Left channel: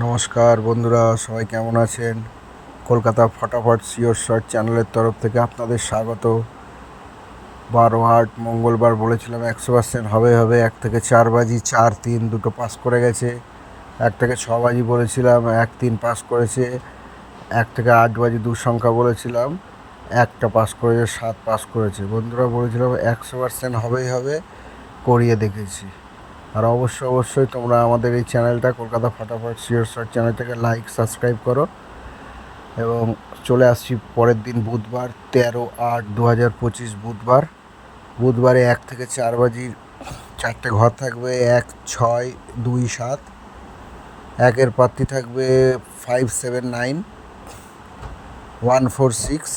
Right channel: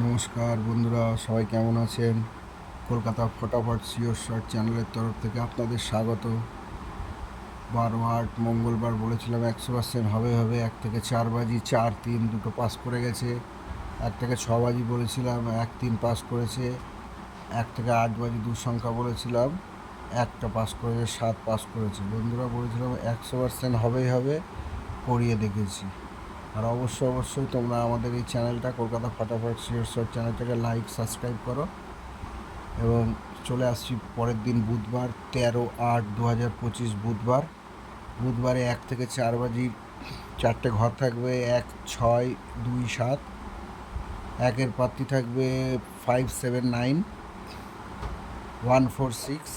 নমস্কার বন্ধুরা, সবাই কেমন আছেন? কলকাতা ফটাফট সিওর শর্ট চ্যানেলের তরফ থেকে আপনাদের স্বাগত। 12/8 মঙ্গলবার বলেছিলাম 100% হবে হবে। 1 থেকে 4 বাজি 4-3 দুটো পাস করে গেছে। 1 থেকে 6 বাজি বলেছিলাম 1-3 পাস করেছে। 1 থেকে 8 বাজি সংখ্যা বলেছিলাম, একটা পাস করেছে, 7 পাস করেছে। বন্ধুরা, বলেছিলাম 100% হবেই হবে, করিয়ে দেখেছি। আর অবশ্যই তোমরা আমাদের এই চ্যানেলটা কলকাতা ফটাফট সিওর শর্ট চ্যানেলটাকে লাইক সাবস্ক্রাইব করো। এবং চলে আসছি পরের দিন, বুধবার 13/8/2025 বুধবারে 1 থেকে 4 বাজি 4টে ঘর থাকবে। 1, 6, 2, 7। একের প্রার্থী থাকবে 579-146।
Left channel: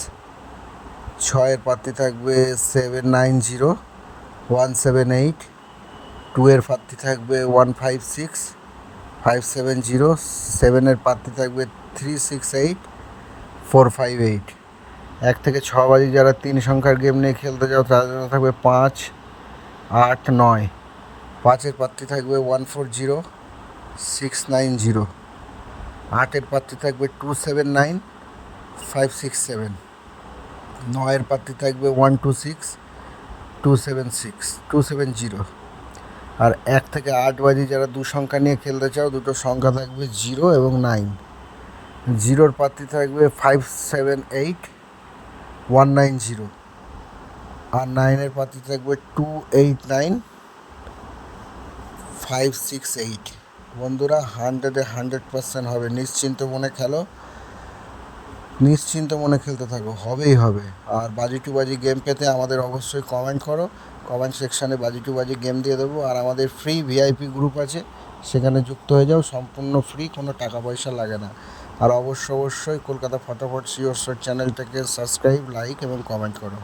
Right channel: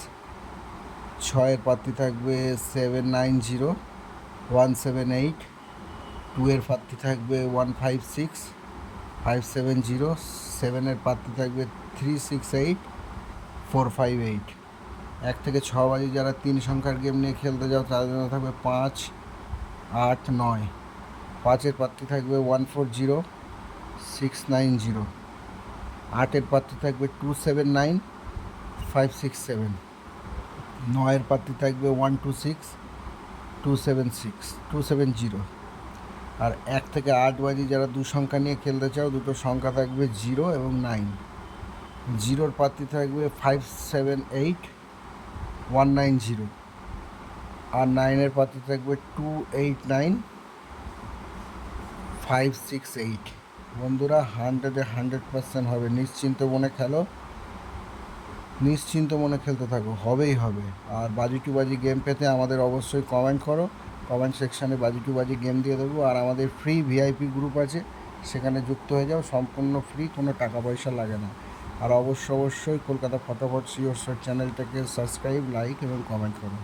6-এর প্রার্থী থাকবে 790-178। 2-এর প্রার্থী থাকবে 156-570। 7-এর প্রার্থী থাকবে 368-458। 1 থেকে 6 বাজি যারা 3 সংখ্যার গেম নিয়ে খেলতে যাও তাদের জন্য থাকবে 5, 8, 9। 5-এর প্রার্থী থাকবে 140-690। 8-এর প্রার্থী থাকবে 279-567। 9-এর প্রার্থী থাকবে 126-270। আর 1 থেকে 8 বাজি যারা 2 সংখ্যা নিয়ে খেলতে চাও, দুটো সংখ্যা থাকবে 0 এবং 9। 0-র প্রার্থী থাকবে 578-190। আর 9-এর প্রার্থী থাকবে 289-568। বন্ধুরা, 100% হবে। নিশ্চিন্ত মনে খেলো, নিশ্চিন্ত মনে খেলতে থাকো, হবেই হবে। আর বাজি টু বাজি গেম পেতে আমাদের অবশ্যই কমেন্ট করো। কমেন্ট সেকশানে বাজি টু বাজি গেম দিয়ে দেবো। আর আমাদের ফ্রি ভিআইপি গ্রুপ আছে, সেখানে যুক্ত হয়ে যাও, সম্পূর্ণ ফ্রি, কোনো টাকা পয়সা লাগে না। আর অবশ্যই কলকাতা ফটাফট সিওর শর্ট চ্যানেলটাকে সাবস্ক্রাইব, লাইক এবং কমেন্ট করো।